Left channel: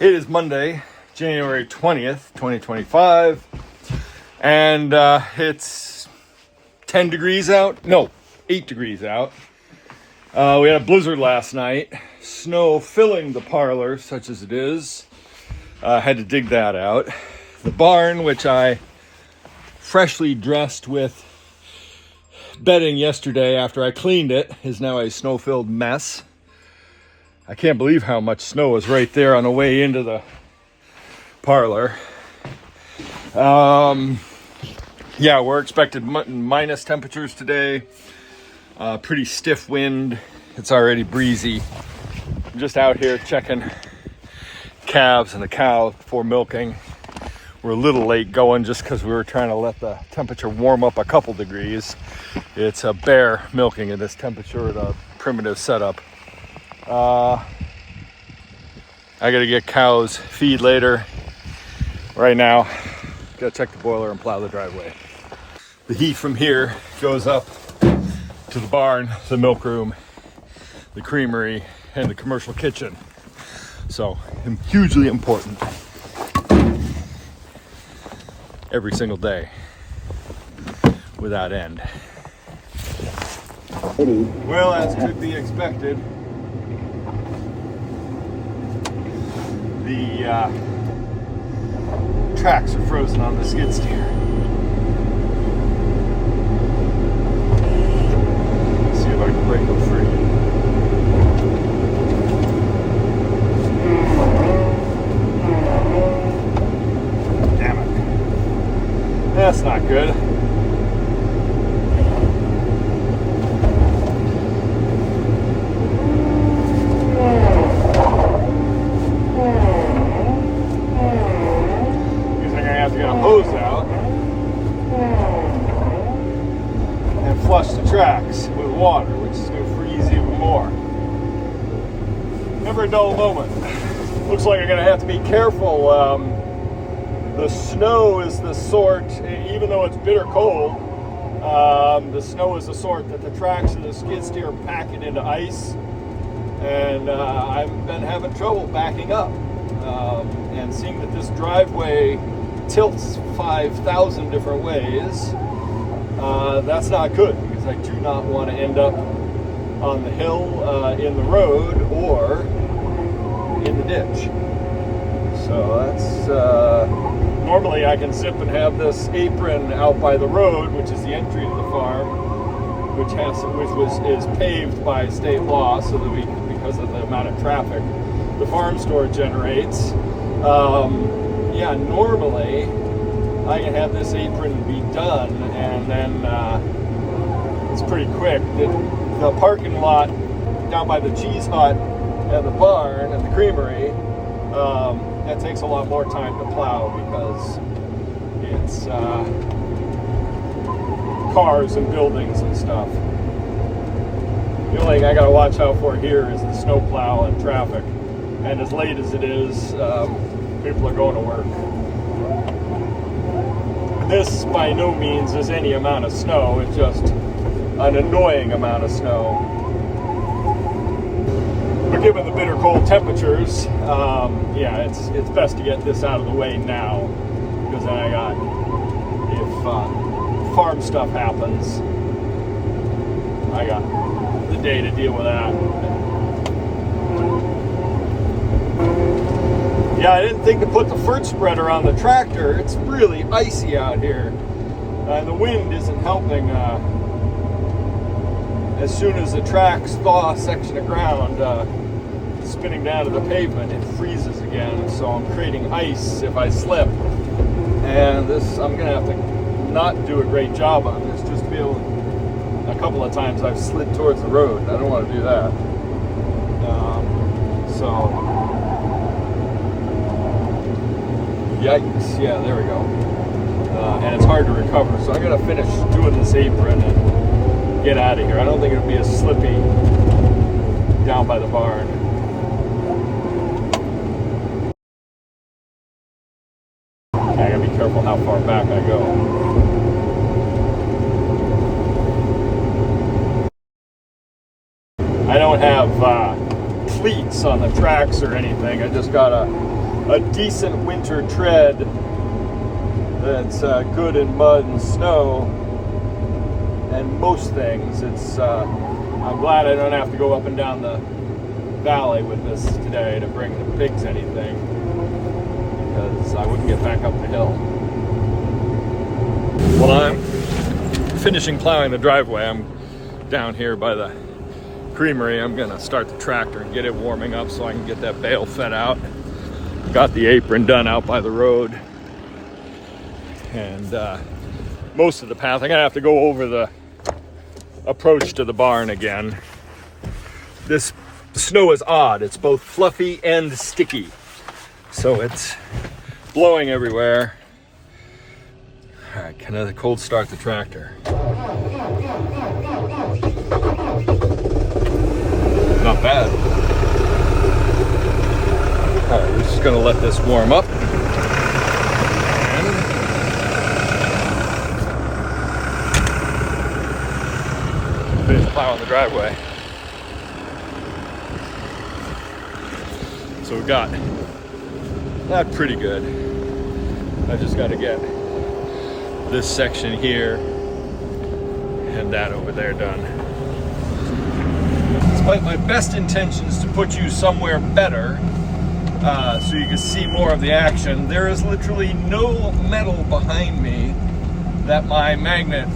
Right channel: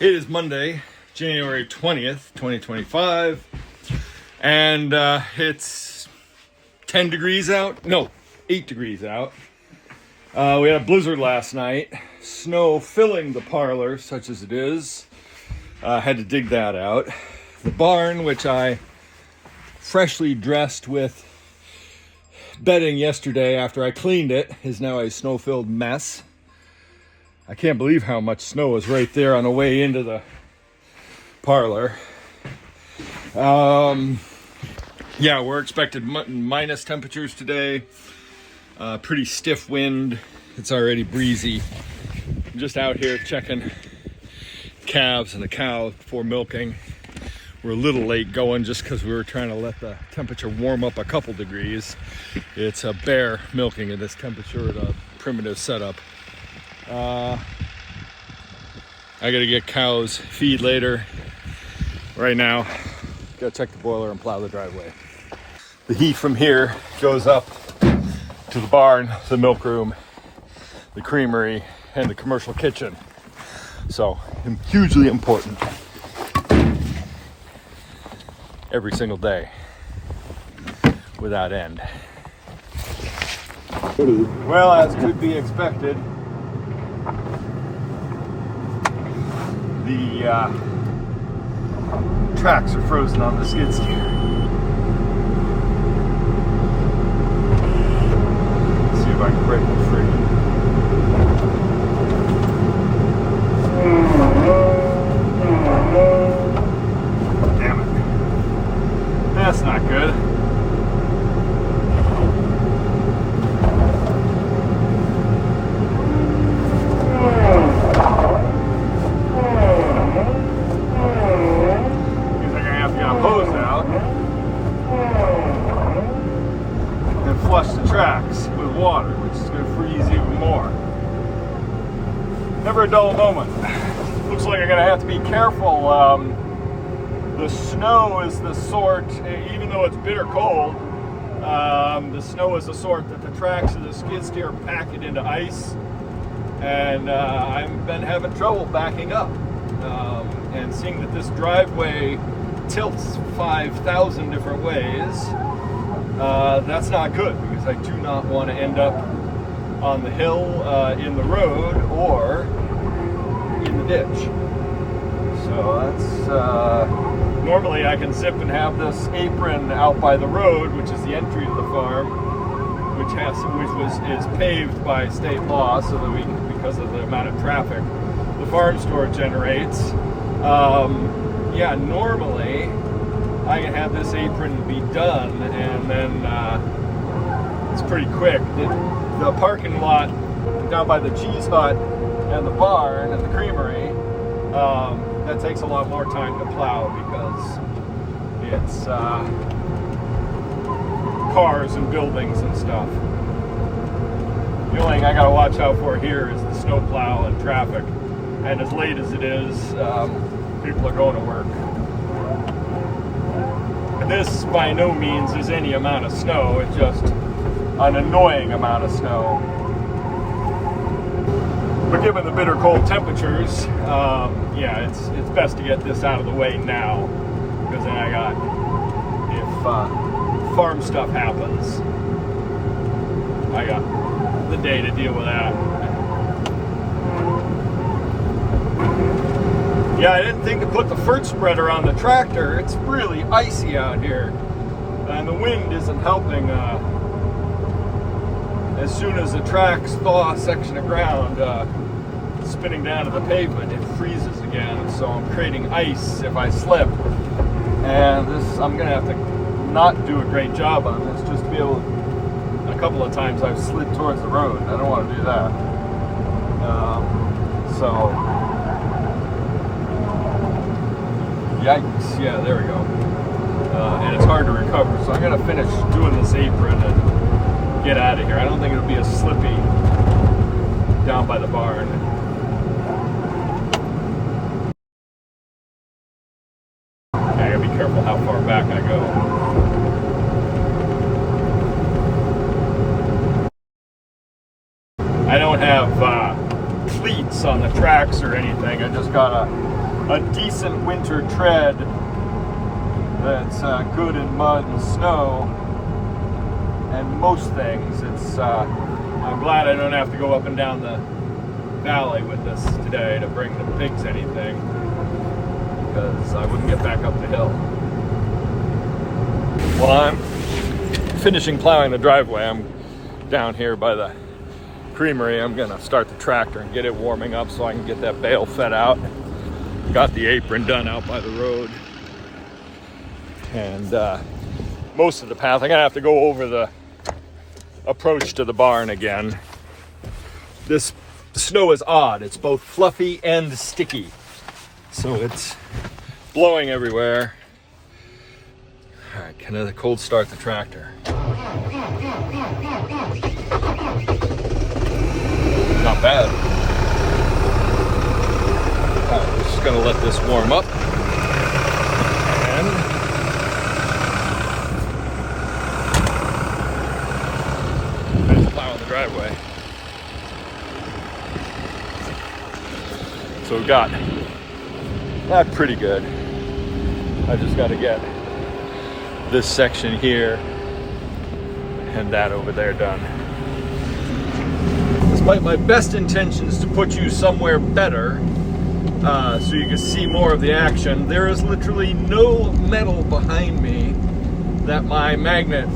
It is Monday, January 20th, 2025, and it's 10 degrees out. No, 8 degrees out. We had a blizzard last night. Snow filling the parlor, such as it is. Had to dig that out. The barn, which I freshly dressed with bedding yesterday after I cleaned it, is now a snow-filled mess. I can't believe how much snow is right there on the way into the parlor. Yeah, we're expected minus temperatures today. Pretty stiff wind. It's already breezy. I'm just out here checking calves and the cow before milking. We're a little late going just because we were trying to let the temperature warm up a couple degrees. It's a bear milking at this temperature at a primitive setup. I gotta get cows feed later. Right now, gotta check the boiler and plow the driveway. The heat from here goes up to the barn, the milk room, the creamery, and the commercial kitchen. So, hugely important every single day without end. Well, as could be expected, the tracks are frozen on the skid steer. Let's see if I can break them free. Damn it. That's not good. Flush the tracks with water, which is going to freeze even more. Never a dull moment. Looks like I'm going to have to be careful. The snow is the sort, even though it's bitter cold, the snow is the sort that the tracks of the skid steer pack it into ice, and I've been having trouble backing up. And seeing that this driveway tilts 5,000 different ways, that's not good, because I do not want to end up on the hill, in the road, or in the ditch. So that's, normally I can zip and have this apron out by the road, which is the entry to the farm, which is paved by state law, so that because of the amount of traffic the farm store generates. Yeah, normally I can have this apron be done, and then it's pretty quick. The parking lot down by the cheese hut and the barn and the creamery, that takes a lot more time to plow, because it's cars and buildings and stuff. The only thing I gotta watch out for here is the snow plow and traffic. And as late as it is, people are going to work. This by no means is any amount of snow, it's just an annoying amount of snow. But given the bitter cold temperatures, yeah, it's best to get this out of the way now, because then if farm stuff happens, I got the day to deal with that. Yeah, I didn't think to put the FERT spreader on the tractor. It's really icy out here, and the wind isn't helping. As soon as the tracks thaw a section of ground, spinning down to the pavement, it freezes again. So I'm creating ice if I slip, and I'm gonna have to not do a great job on this. Just to be able, a couple of times I've slid towards the road. I don't want to do that. Yikes, yeah, there we go. And it's hard to recover, so I'm going to finish doing this apron and get out of here. I don't think it'll be as slippy down by the barn. I gotta be careful how far back I go. I don't have cleats on the tracks or anything. I just got a a decent winter tread that's good in mud and snow and most things. I'm glad I don't have to go up and down the valley with this today to bring the pigs anything, because I wouldn't get back up the hill. While I'm finishing plowing the driveway, I'm down here by the creamery. I'm gonna start the tractor and get it warming up so I can get that bale fed out. Got the apron done out by the road, and most of the path I'm gonna have to go over the approach to the barn again. This snow is odd. It's both fluffy and sticky, so it's blowing everywhere. All right, can I cold start the tractor? Not bad. All right, we're just gonna let this warm up and finish plowing the driveway. So we've got that pretty good. I just got to get this section here and that over there done. Despite my best intentions to put you somewhere better so you can see more of the action, there is literally no metal behind me that my magnet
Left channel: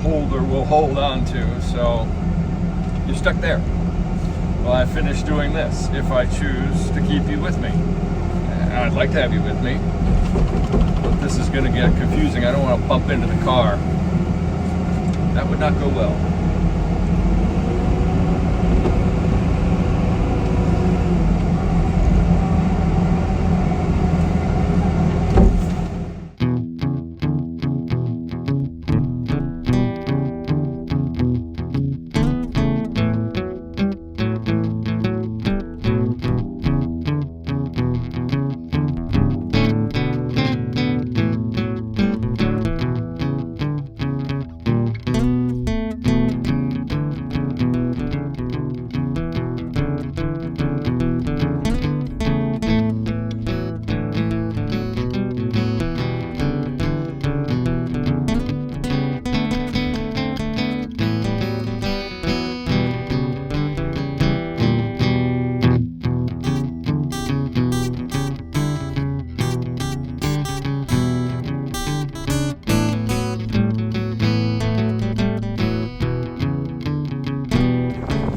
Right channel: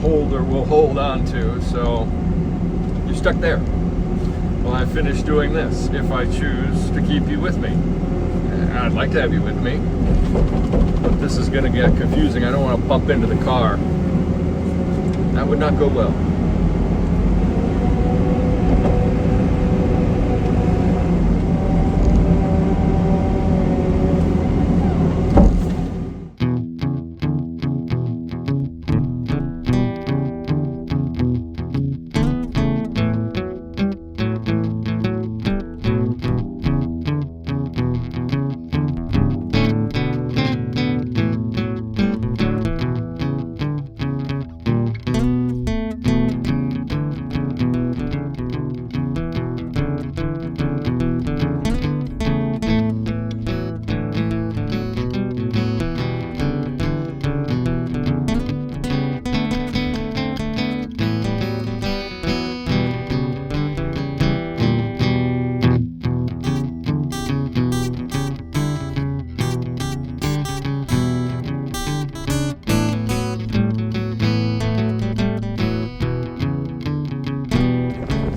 holder will hold on to, so you're stuck there while I finish doing this, if I choose to keep you with me. I'd like to have you with me, but this is going to get confusing. I don't want to bump into the car. That would not go well.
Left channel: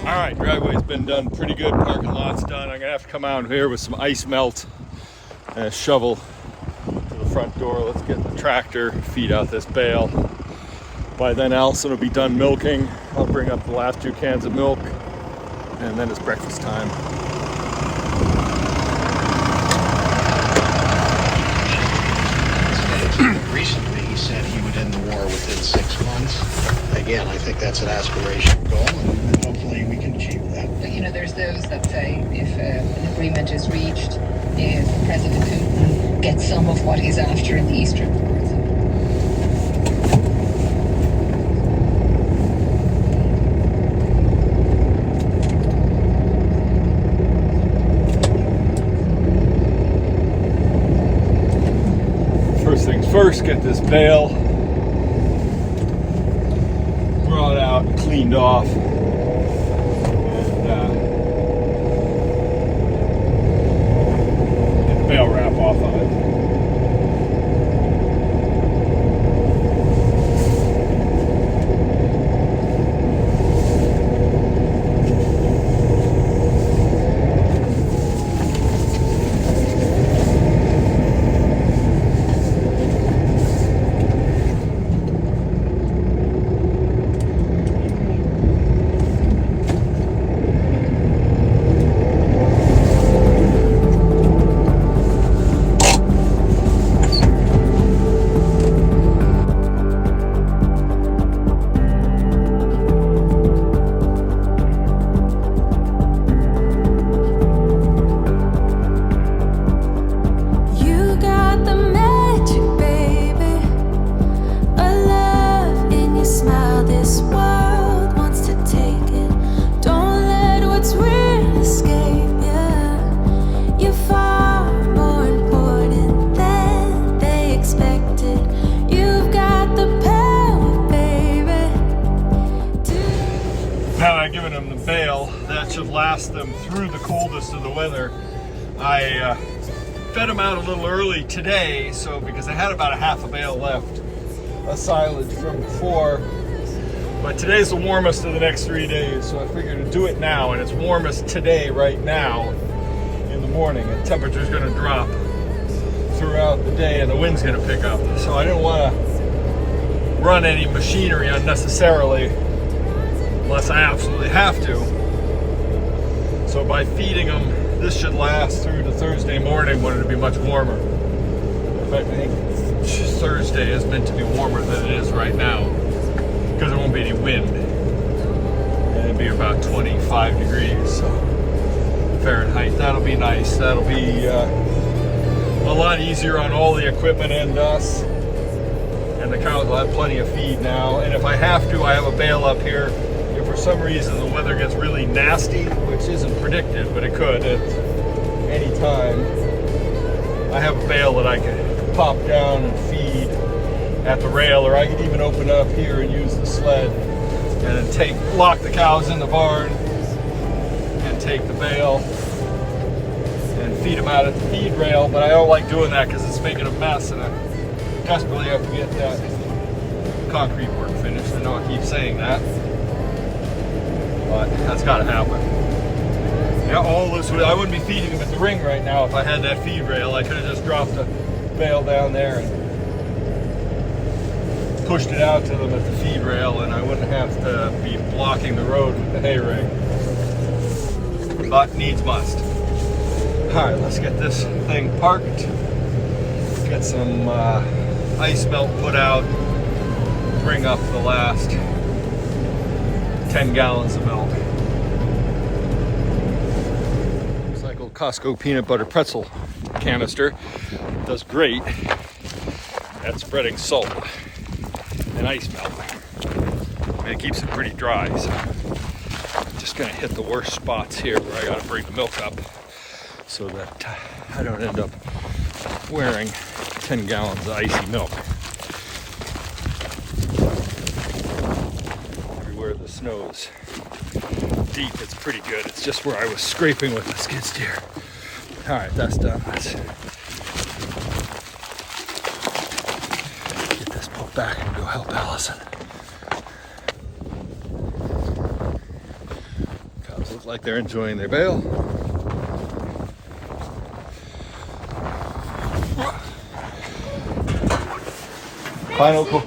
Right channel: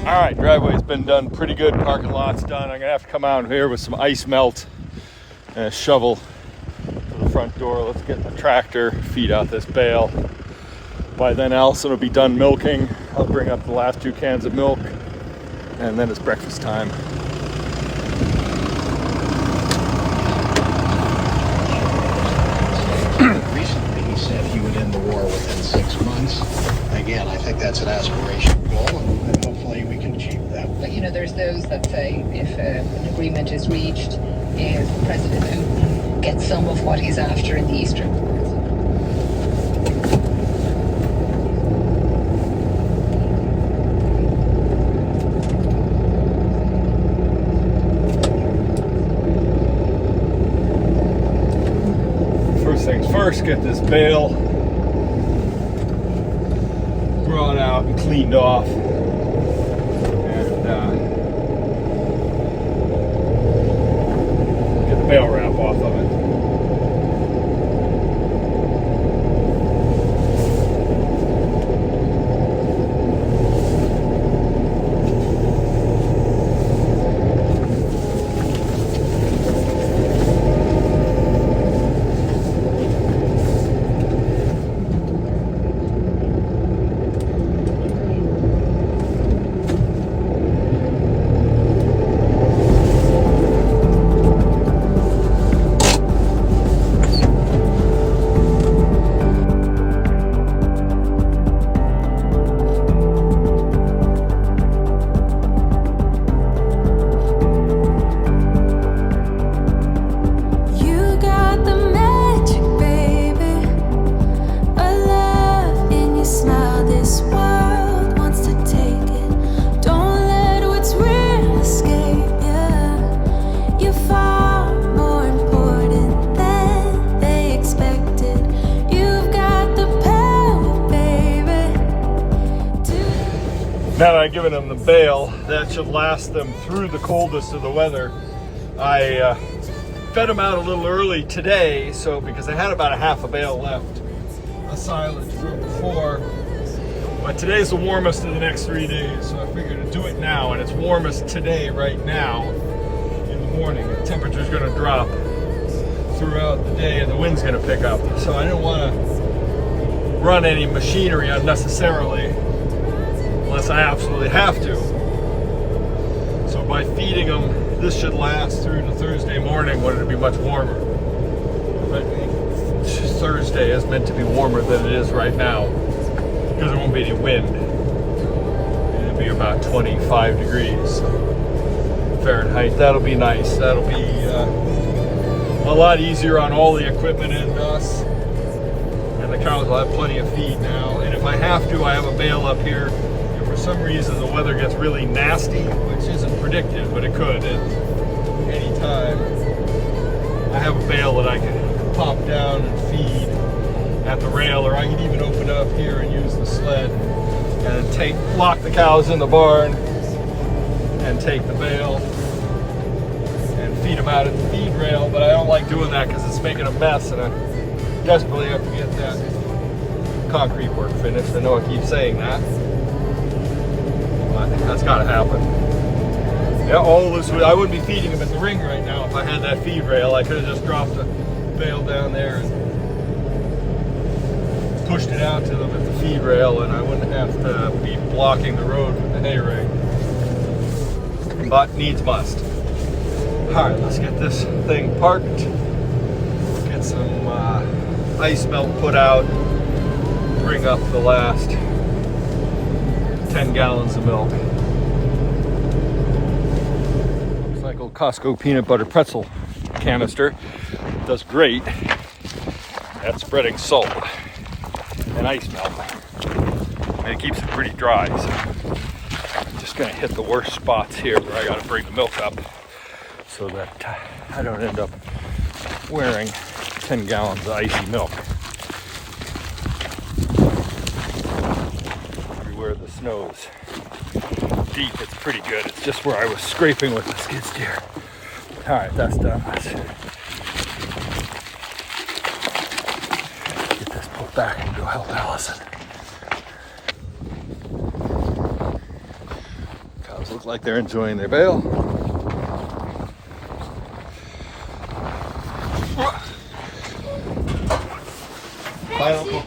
All right, driveway's been done pretty good, parking lot's done. I'm gonna have to come out here with some ice melt and a shovel to the front door. Let's get the tractor, feed out this bale. By then Allison will be done milking. I'll bring up the last 2 cans of milk, and then it's breakfast time. Recently he said he would end the war within 6 months. Again, I think that's an aspirational goal, and hopefully we can achieve that. But you know, there's those that say if an agreement is reached, if President Putin gets some of what he's after in the eastern parts. First things first, get this bale brought out and cleaned off, and get the bale wrap off of it. Don't let what's real escape you. You fall given them the bale. That should last them through the coldest of the weather. I fed them out a little early today, so because I had about a half a bale left, a silage from before. But today's the warmest of the next 3 days, so I figured to do it now, and it's warmest today right now in the morning. The temperature's going to drop throughout the day, and the wind's going to pick up. So I didn't want to run any machinery unnecessarily unless I absolutely have to. So by feeding them, this should last through to Thursday morning when it'll be much warmer. I think Thursday is meant to be warmer than it is right now because there won't be any wind. And it'll be about 25 degrees Fahrenheit. That'll be nice. That'll be a lot easier on all the equipment and us. And the cows will have plenty of feed now. And if I have to, I have a bale up here. If for some reason the weather gets really nasty, which isn't predicted, but it could at any time, I have a bale that I can pop down and feed at the rail, or I could even open up here and use the sled and then lock the cows in the barn and take the bale and feed them out at the feed rail. But I don't like doing that because it's making a mess, and I desperately have to get that concrete work finished. I know I keep saying that, but that's got to happen. Yeah, all this, I wouldn't be feeding them at the ring right now if I had that feed rail. I could have just dropped a bale down there and pushed it out to them at the feed rail, and I wouldn't have to be blocking the road with the hay ring. But needs must. All right, let's get this thing parked. Get some ice melt put out. Bring up the last 10 gallons of milk. Looks like old Costco peanut butter pretzel canister. Does great at spreading salt and ice melt. And it keeps it pretty dry, so I'm just gonna hit the worst spots here where I gotta bring the milk up so that I don't end up wearing 10 gallons of icy milk. Everywhere the snow is deep, it's pretty good. It's just where I was scraping with the skid steer. All right, that's done. Let's get this pulled back and go help Allison. Cows look like they're enjoying their bale. Bravo!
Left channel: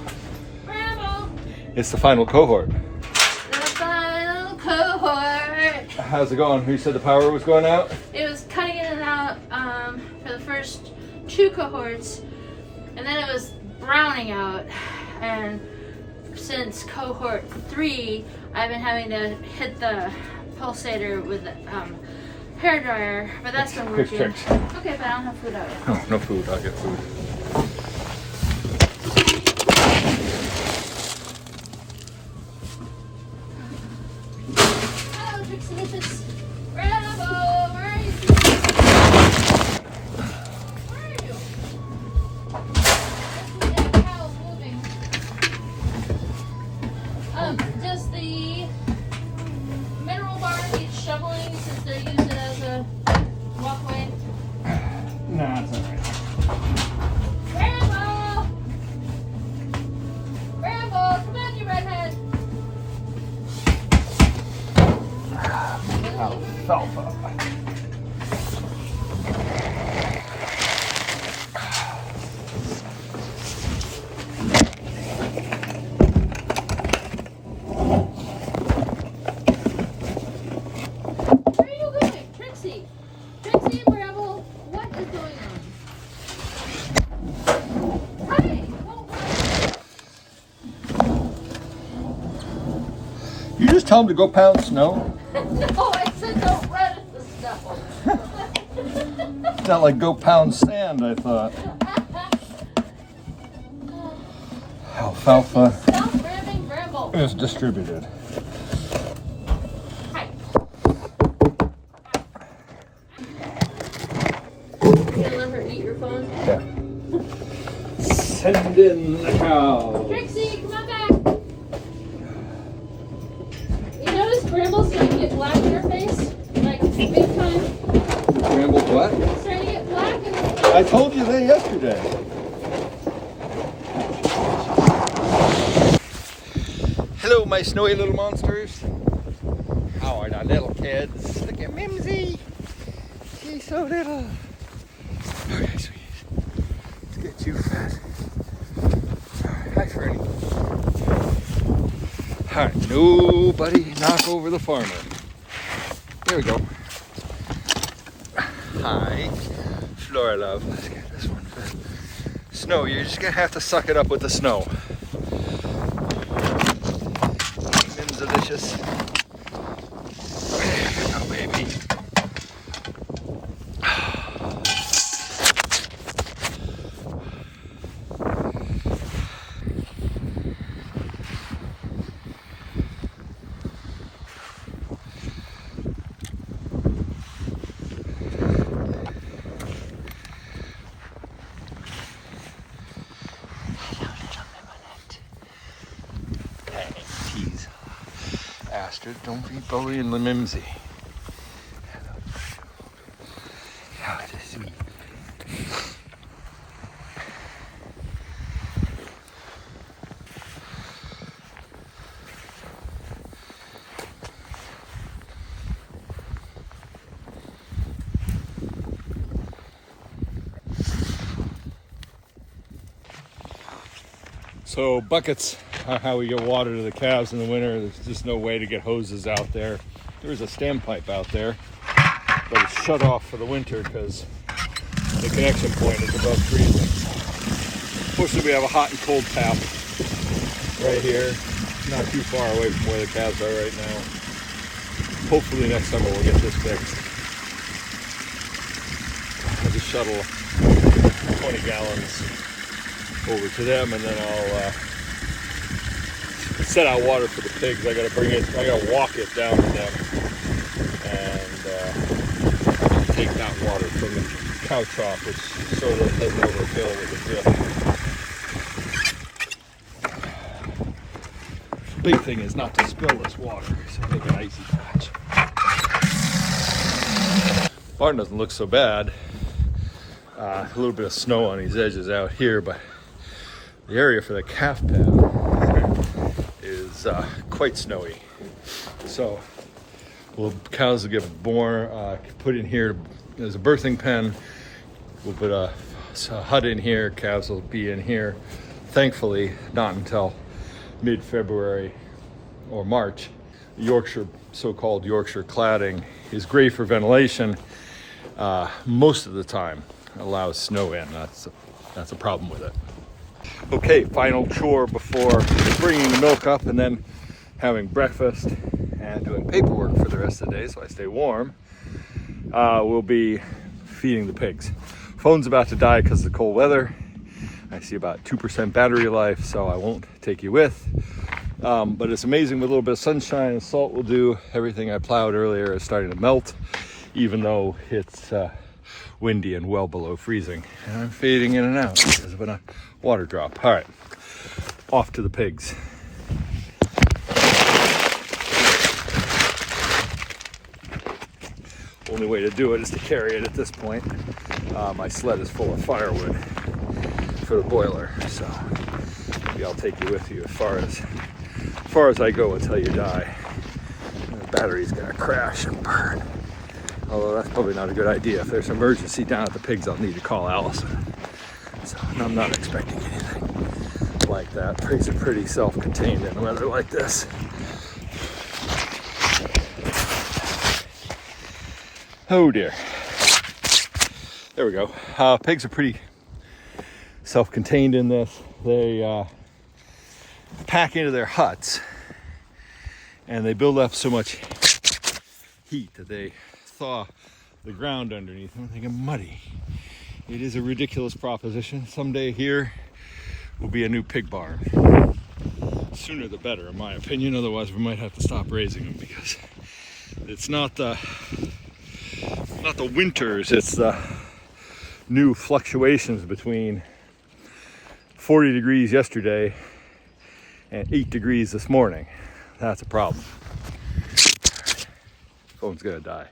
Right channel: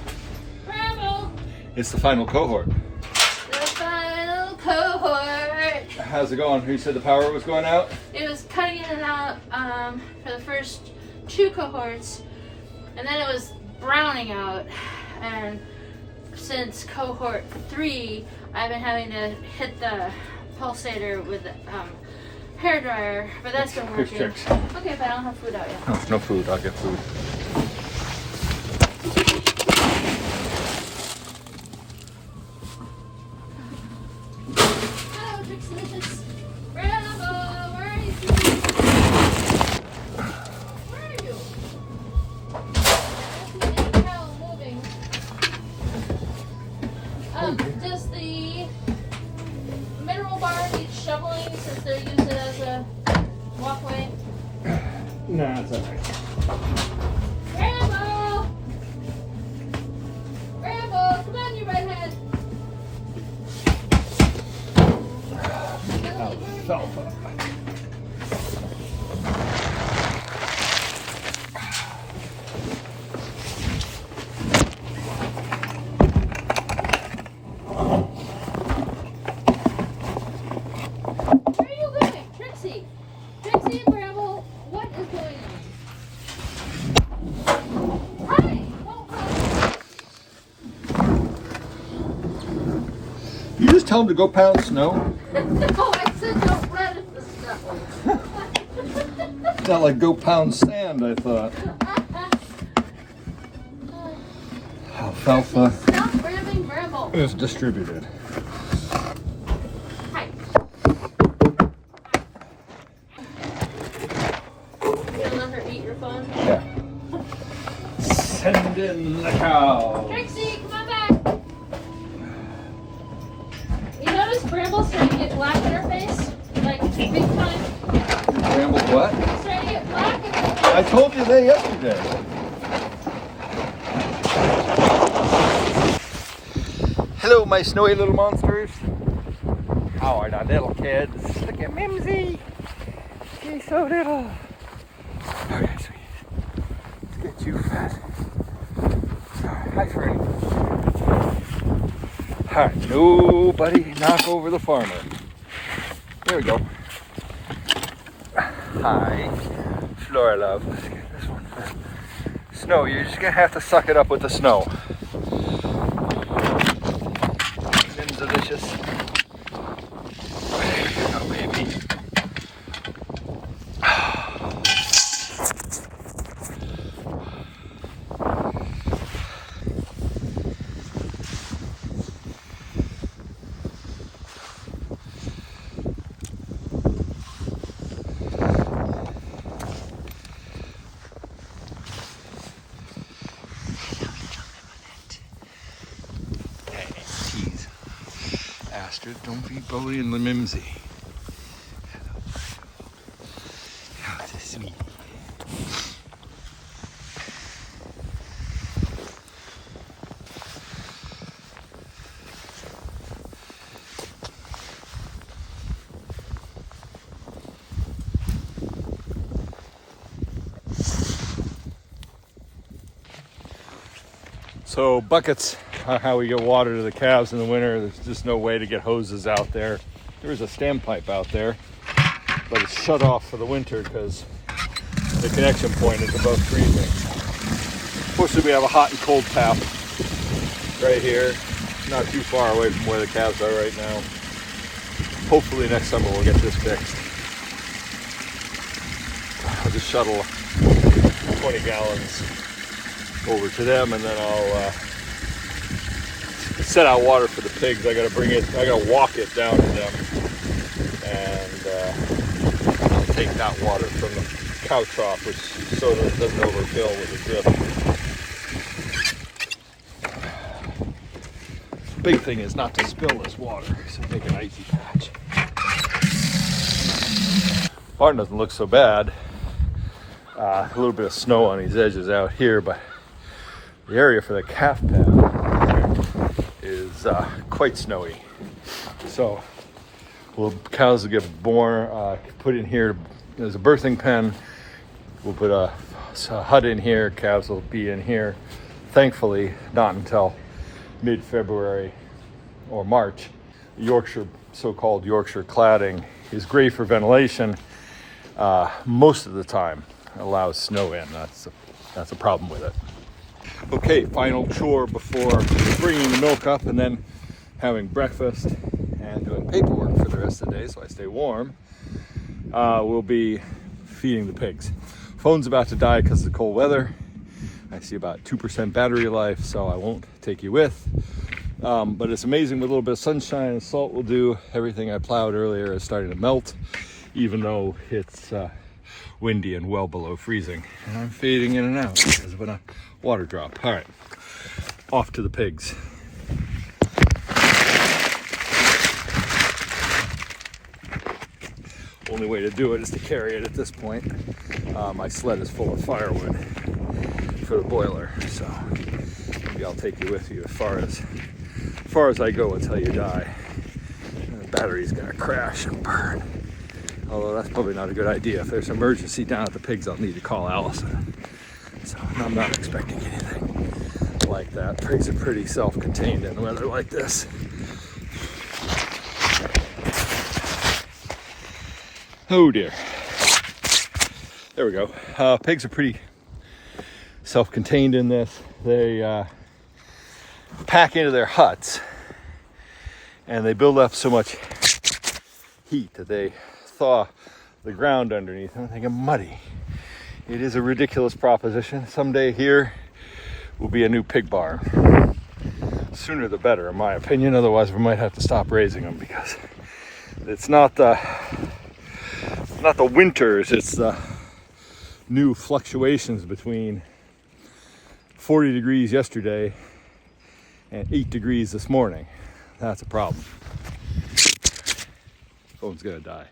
It's the final cohort. The final cohort. How's it going? Who said the power was going out? It was cutting in and out for the first 2 cohorts, and then it was browning out. And since cohort 3, I've been having to hit the pulsator with the hair dryer, but that's been Quick working. fix. Okay, but I don't have food out yet. Oh, no food. I'll get food. Hello, Trixie. Bravo! Where are you? Where are you? I see the cows moving. Does the mineral bar need shoveling since they're using it as a walkway? Nah, it's okay. Rambo! Rambo, come on, you redhead. Alfalfa. Where are you going? Trixie! Trixie and Bravo, what is going on? Hi! You just tell them to go pound snow? No, I said don't run at the snow. It's not like go pound sand, I thought. Alfalfa Stop grabbing Bramble. is distributed. Hi. You gonna let her eat your phone? Yeah. Send in the cow. Trixie, come on back. You notice Bramble said What? It's starting to get black in the I told you that yesterday. Hello, my snowy little monsters. How are the little kids? Look at Mimsy. He's so little. Okay, sweet. Let's get you fat. Hi, Fernie. All right, nobody knock over the farmer. There we go. Hi, Flora love. Let's get this one fed. Snow, you're just gonna have to suck it up with the snow. Mim's delicious. Oh, baby. Tease. Astrid, don't be bullying the Mimsy. Oh, it's sweet. So buckets are how we get water to the calves in the winter. There's just no way to get hoses out there. There's a standpipe out there, but it's shut off for the winter because the connection point is above freezing. Fortunately, we have a hot and cold tap right here, not too far away from where the calves are right now. Hopefully next summer we'll get this fixed. I'll just shuttle 20 gallons over to them, and then I'll set out water for the pigs. I gotta walk it down to them and take that water from the cow trough, which so that it doesn't overfill with the drip. Big thing is not to spill this water, so make an icy patch. Barn doesn't look so bad. A little bit of snow on these edges out here, but the area for the calf pen is quite snowy. So cows will get born, put in here as a birthing pen. We'll put a hut in here, calves will be in here. Thankfully, not until mid-February or March. Yorkshire, so-called Yorkshire cladding is great for ventilation. Most of the time allows snow in. That's a problem with it. Okay, final chore before bringing the milk up and then having breakfast and doing paperwork for the rest of the day so I stay warm. We'll be feeding the pigs. Phone's about to die because of the cold weather. I see about 2% battery life, so I won't take you with. But it's amazing with a little bit of sunshine and salt will do. Everything I plowed earlier is starting to melt, even though it's windy and well below freezing. And I'm fading in and out because of a water drop. All right, off to the pigs. Only way to do it is to carry it at this point. My sled is full of firewood for the boiler, so maybe I'll take you with you as far as I go until you die. The battery's gonna crash and burn. Although that's probably not a good idea. If there's an emergency down at the pigs, I'll need to call Allison. So I'm not expecting anything like that. Pigs are pretty self-contained in weather like this. Oh dear. There we go. Pigs are pretty self-contained in this. They pack into their huts and they build up so much heat that they thaw the ground underneath and they get muddy. It is a ridiculous proposition. Someday here will be a new pig barn. Sooner the better, in my opinion. Otherwise, we might have to stop raising them because it's not the winters, it's the new fluctuations between 40 degrees yesterday and 8 degrees this morning. That's a problem. Phone's gonna die.